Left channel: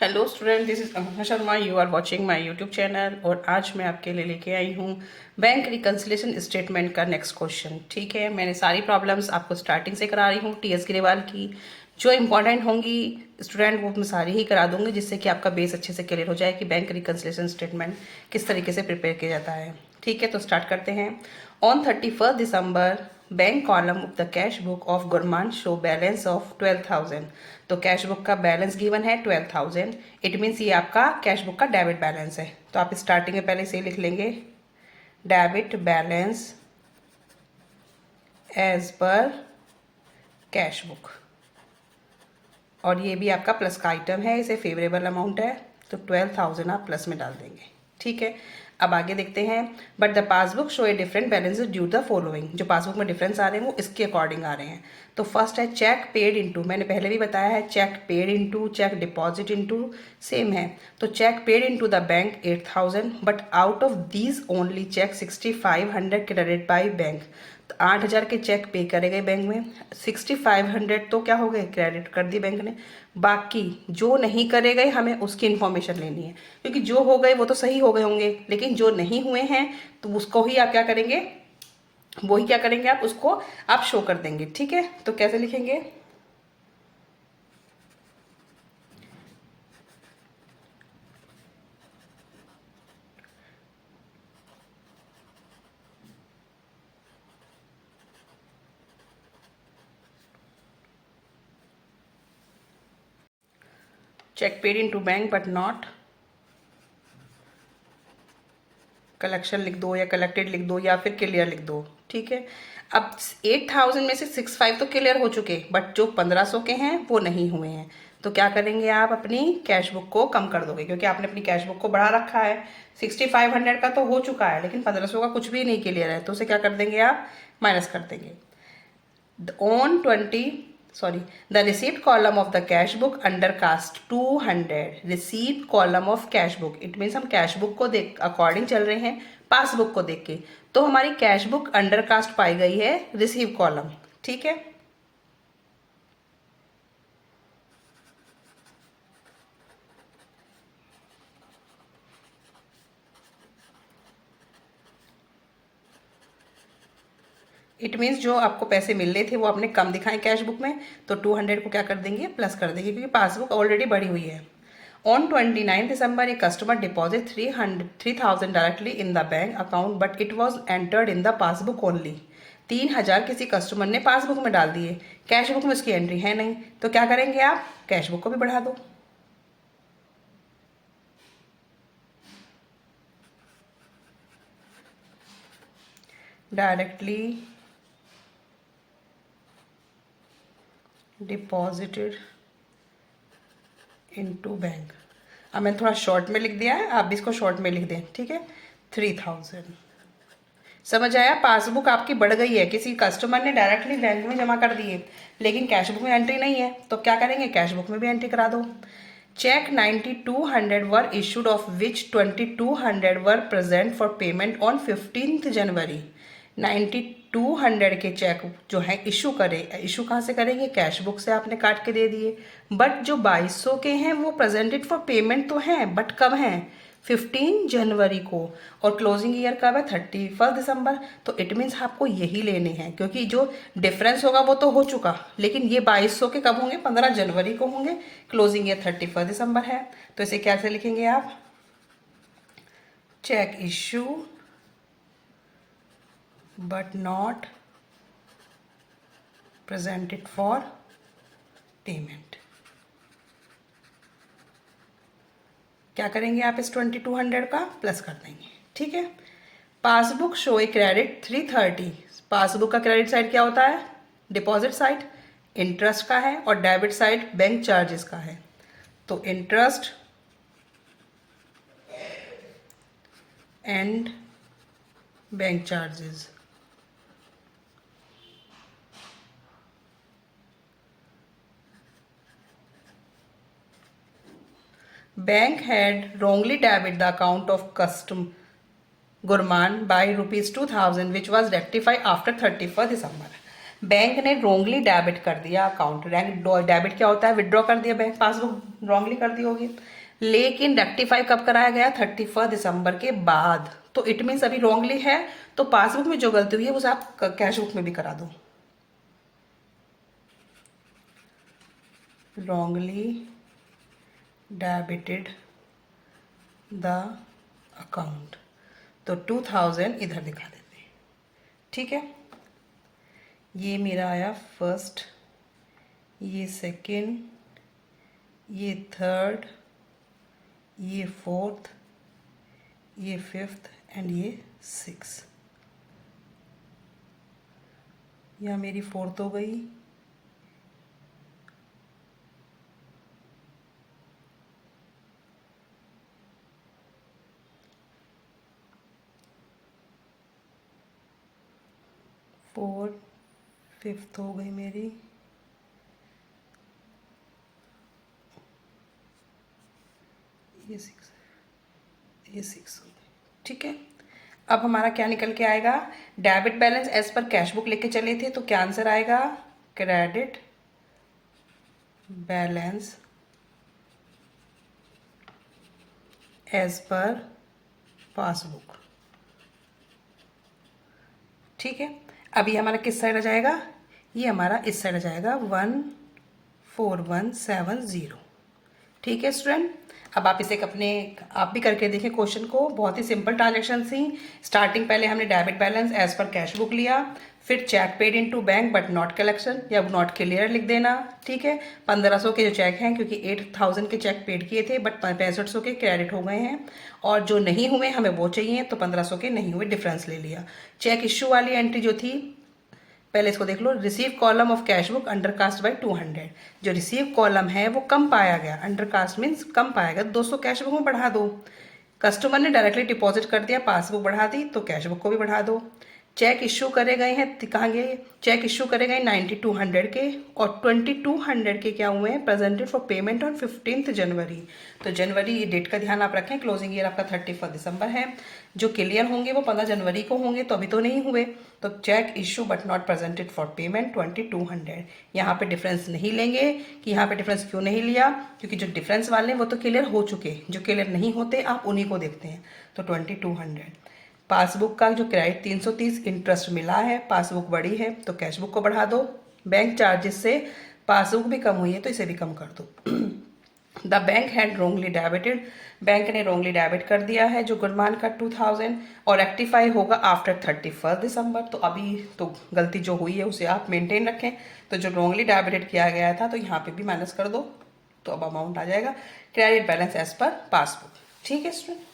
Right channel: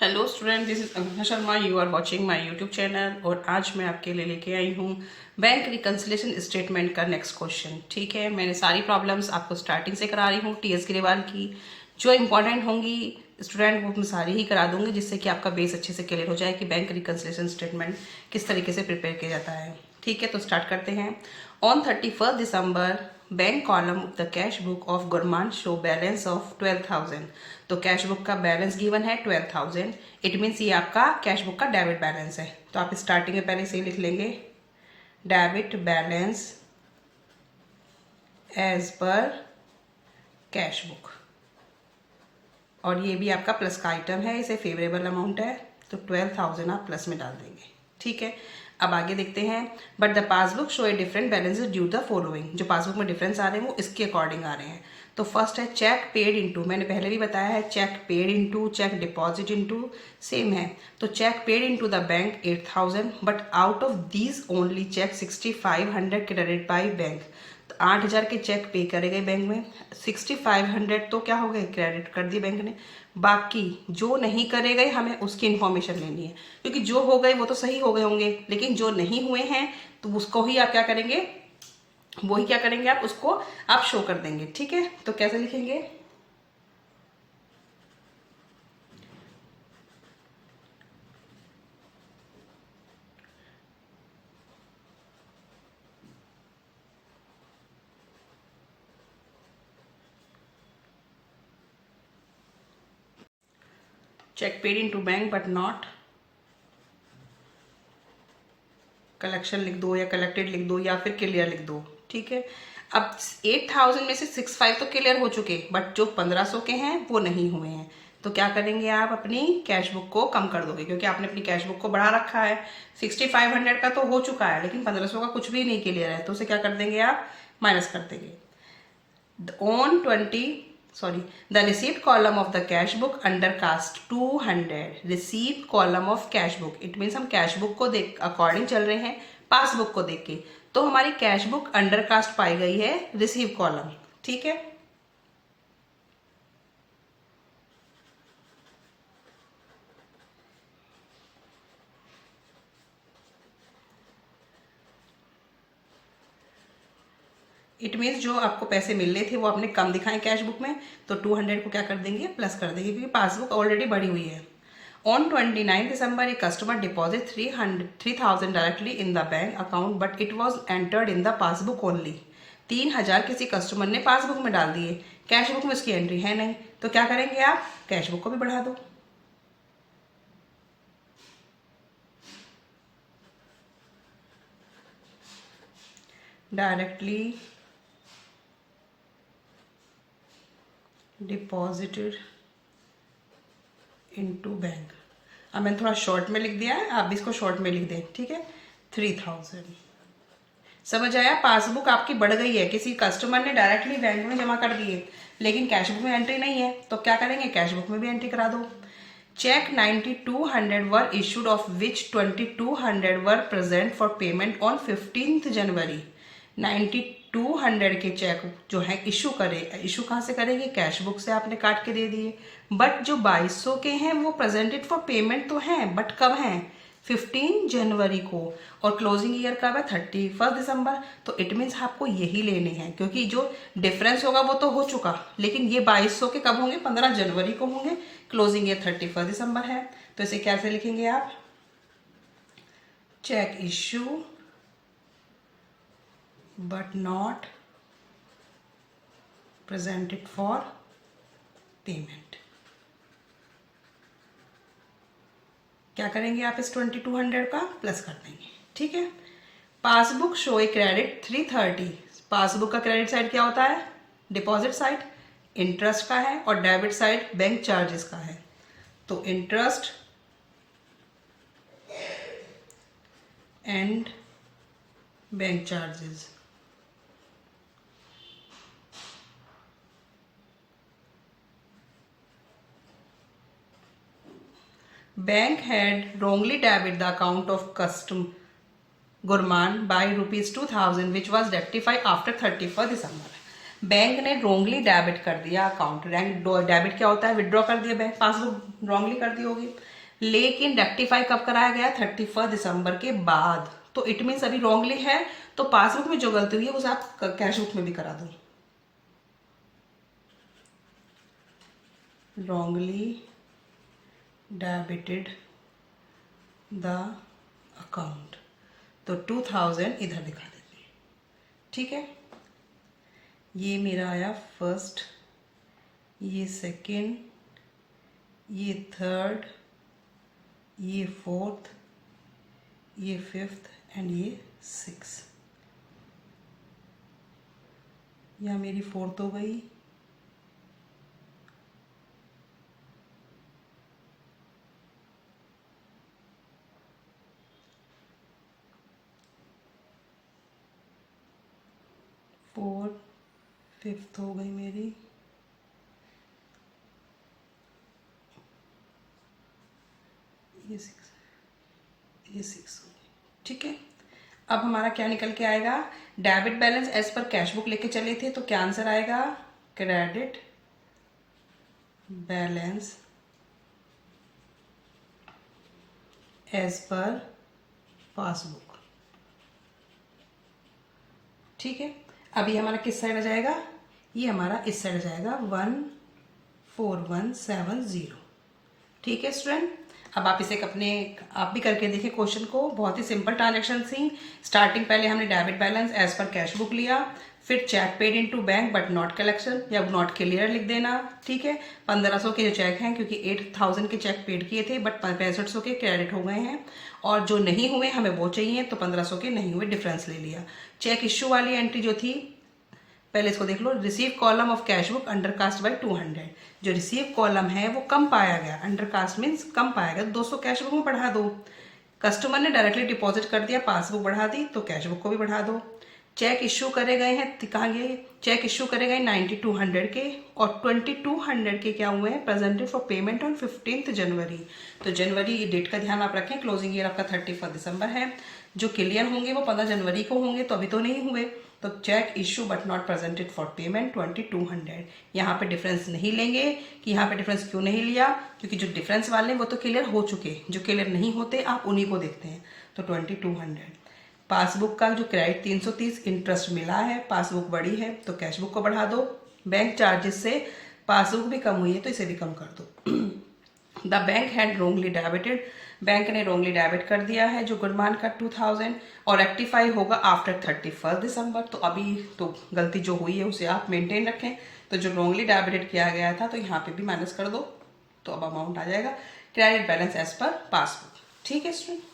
Hello student, this is Ankita Sharma. You are watching my YouTube channel और आज मैं आपके लिए लेके आई हूँ बैंक रिकन्सिलेशन स्टेटमेंट का नेक्स्ट क्वेश्चन। ठीक है, मैंने सारी प्रॉब्लम्स आपको स्टार्टिंग से करा रही हूँ टीएस ग्रेवाल की। जो इंपॉर्टेंट होंगी स्टूडेंट वो मैं सारी ही करा दूंगी, जिससे कि आपका बेस अच्छे से क्लियर हो जाए कि बैंक रिकन्सिलेशन स्टेटमेंट किस तरीके से प्रिपेयर किया जाता है। ठीक है, तो स्टार्ट करते हैं। On 31 December bank column of the cash book of Gurman show balance of 12,000। तो कैश बुक का बैलेंस गिवन है 12,000। इट मीन्स ये आपका कैश बुक का डेबिट बैलेंस है। तो आप स्टार्टिंग में पहले से लिख लेंगे debit balance as per cash book, और ये भी आपका प्लस का आइटम है, इसे फेवरेबल अमाउंट है तो 12,000 आप प्लस में डाल देंगे। ठीक है, अब आगे देखते हैं। But the passbook show a different balance due the following. जो पासबुक में डिफरेंस आ रहे हैं वो इसके अकॉर्डिंग आ रहे हैं। तो फर्स्ट है चेक पेड इनटू, मैंने पहले भी बताया है cheque paid into cheque deposit into same है। तो cheque paid into the bank 8,000, but out of these only cheque 6,500 credit by bank. तो 8,000 के चेक पे करे गए बैंक में, 6,500 तो क्या हो गए, क्रेडिट कर दिए बैंक ने। बाकी जो नहीं करे गए हमें उसकी इन्फॉर्मेशन लेनी है, क्योंकि जो हो गए वो तो सही हो गए होंगे, लेकिन जो नहीं हुए हैं तो उसको ही आप क्या करेंगे, वही क्या करेंगे आप उसको आप शो कर देंगे। ठीक है, तो कैसे लिखेंगे, cheque paid into bank but not collection लिख दो, या कलेक्टेड लिख दो, या फिर क्लियर लिख दो। ठीक है, अब 8,000 में से 6,500 तो क्लियर हो चुके, बट जो 1,500 के हैं वो नहीं हुए हैं। तो क्या करेंगे, आप अपनी कैश बुक को कम कर दोगे, क्योंकि आपने अपनी कैश बुक को बढ़ा रखा है। 6,500 का तो हो चुका है, लेकिन 1,500 का कुछ भी नहीं क्लियर है, तो उसे क्या कर देंगे आप, माइनस कर देंगे। on 20 sorry the receipt column of the cash book under cast 200, receipt column of cash book, it means हम कैश बुक को देख अकॉर्डिंग चल रहे हैं पासबुक को देख के। तो हमारी कैश बुक अंडर कास्ट पाई गई है रिसीव कॉलम। ठीक है, इट मीन्स जो आपको पैसे मिलने थे वो आपने कम दिखाए कैश बुक में, तो 200 को क्या कर देंगे, प्लस कर देंगे, क्योंकि पासबुक ऑलरेडी बढ़ी हुई है। On 29 December a customer deposit 3,000 directly in the bank account but it was entered in the passbook only. 3,000 किसी कस्टमर ने पासबुक में डाल दिए, कैश बुक में उसकी एंट्री है नहीं, तो क्या करेंगे आप, कैश बुक को भी बढ़ा दो। डायरेक्टली डिपॉजिटेड इनटू बैंक, अब मैंने थोड़ा शॉर्ट में लिख दिया है, आप भी इसको शॉर्ट में लिख दें। ठीक है, 3,000। समझ आया, पासबुक आपकी बढ़ गई है, किसी कस्टमर ने डायरेक्टली बैंक में जमा कर दिए, लेकिन कैश बुक में एंट्री नहीं है, तो क्या करेंगे, कैश बुक में भी एंट्री करा दो। Cheque 9,200 were issued of which 2,200 were present for payment on 15 January. 9,200 के चेक जो है इशू करे, इशू कहाँ से करेंगे, कैश बुक से आपने काट के दे दिए। बट जो 2,200 के हैं वो प्रेजेंटेड फॉर पेमेंट तो हैं, बट कब हैं, 15 जनवरी को, और क्लोजिंग ईयर कब है, 31 दिसंबर। तो इट मीन्स आपको यही लेने हैं, क्योंकि जो डिफरेंस होगा वो तो हो चुका, लेकिन ये 2,200 के कब होंगे, 15 जनवरी को होंगे, क्लोजिंग ईयर 31 दिसंबर है। तो इसे कैसे लिखेंगे आप, cheque issue but not presented for payment। क्या करेंगे आप, इस 2,200 का प्लस कर देंगे। ठीक है, passbook show a credit 330। Passbook का क्रेडिट साइड क्या होता है, डिपॉजिट साइड इंटरेस्ट का है, और डेबिट साइड बैंक चार्जेस का है। तो interest and bank charges. Bank had wrongly debited the account of custom Gurman by rupees 2,000 which was rectified after 31 December। Bank ने रॉन्गली डेबिट कर दिया अकाउंट। डेबिट क्या होता है, विड्रॉ कर दिया बैंक, पासबुक रॉन्गली कर दी होगी, लेकिन रेक्टिफाई कब कराया गया, 31 दिसंबर के बाद। तो इट मीन्स अभी रॉन्गली है, तो पासबुक में जो गलती हुई है उसे आप कैश बुक में भी करा दो। रॉन्गली डेबिटेड द अकाउंट, तो 2000 इधर दिखा देते हैं। ठीक है, ये मेरा आया फर्स्ट, ये सेकंड, ये थर्ड, ये फोर्थ, ये फिफ्थ एंड ये सिक्स। यह मेरी फोर्थ हो गई, फोर, फिफ्थ हो गई मेरी, ये सिक्स हो गई। ठीक है, अब हमारा क्या निकल के आएगा, debit balance as per cash book लेके चले थे, तो क्या आंसर आएगा, credit balance as per passbook. ठीक है, अभी हमारा किस साइड आ जाएगा, ये हमारा इस साइड आ जाएगा 14170। ठीक है स्टूडेंट, अब आप इसे आप भी करके देखिए क्वेश्चन को, बहुत ही सिंपल ट्रांजेक्शन थी। स्टार्टिंग पहले हमने debit balance as per cash book लिया, फिर cheque paid into bank but not collection या नॉट क्लियर लिख देना। ठीक है, 1500 के जो चेक हैं, क्योंकि 8000 के चेक पेड किए थे बट 6500 के क्रेडिट हो गए हैं, और जो नहीं हुए हमें वो चाहिए, तो 1500 के नहीं हुए, डिफरेंस ले लिया। चेक इश्यू वाली एंट्री जो थी, पहले इसको देख लो, receive column of cash book undercast by 200। जो रिसीव कॉलम है वो कम पाया गया, अंडर कास्ट मीन्स कम पाया गया, 200 कैश बुक में बढ़ा दो। कस्टमर ने डायरेक्टली डिपॉजिट कर दिया, पासबुक बढ़ा दी, तो कैश बुक को भी बढ़ा दो। चेक इश्यू करे गए हैं, कहाँ गए, चेक इश्यू करे गए 9200 के, और 2200 के क्या हुए हैं, प्रेजेंटेड फॉर पेमेंट ऑन 15 जनवरी। तो जनवरी डेट का ध्यान आप रखें, क्लोजिंग ईयर आपका 31 दिसंबर है। जो क्लियर होंगे वो 15 जनवरी को होंगे, तो अभी तो नहीं हुए। तो cheque issue but not presented for payment 2200। यहाँ पे डिफरेंस नहीं लेंगे, कि यहाँ पे डिफरेंस क्यों नहीं लिया, क्योंकि जो डिफरेंस वाले हैं वो तो क्लियर हो चुके, जो क्लियर नहीं होते आप उन्हीं को देखते हैं। तो 2200। पासबुक का जो क्रेडिट 330 इंटरेस्ट मिला है, पासबुक बड़ी है तो कैश बुक को बढ़ा दो। बैंक चार्जेस से पासबुक भी कम हुई है तो इसे भी कम कर दो। The bank had wrongly debited, bank ने रोंगली डेबिट कर दिया है जो गुणमान का 2000, और रेक्टिफाई होगा आफ्टर 31 दिसंबर। तो अभी तो गलती जो हुई है उसे आप मेंटेन रखें। तो जो रोंगली डेबिटेड किया गया था तो यहाँ पे भी माइनस कर दो, तो अब अमाउंट आ जाएगा credit balance as per passbook. ठीक है स्टूडेंट।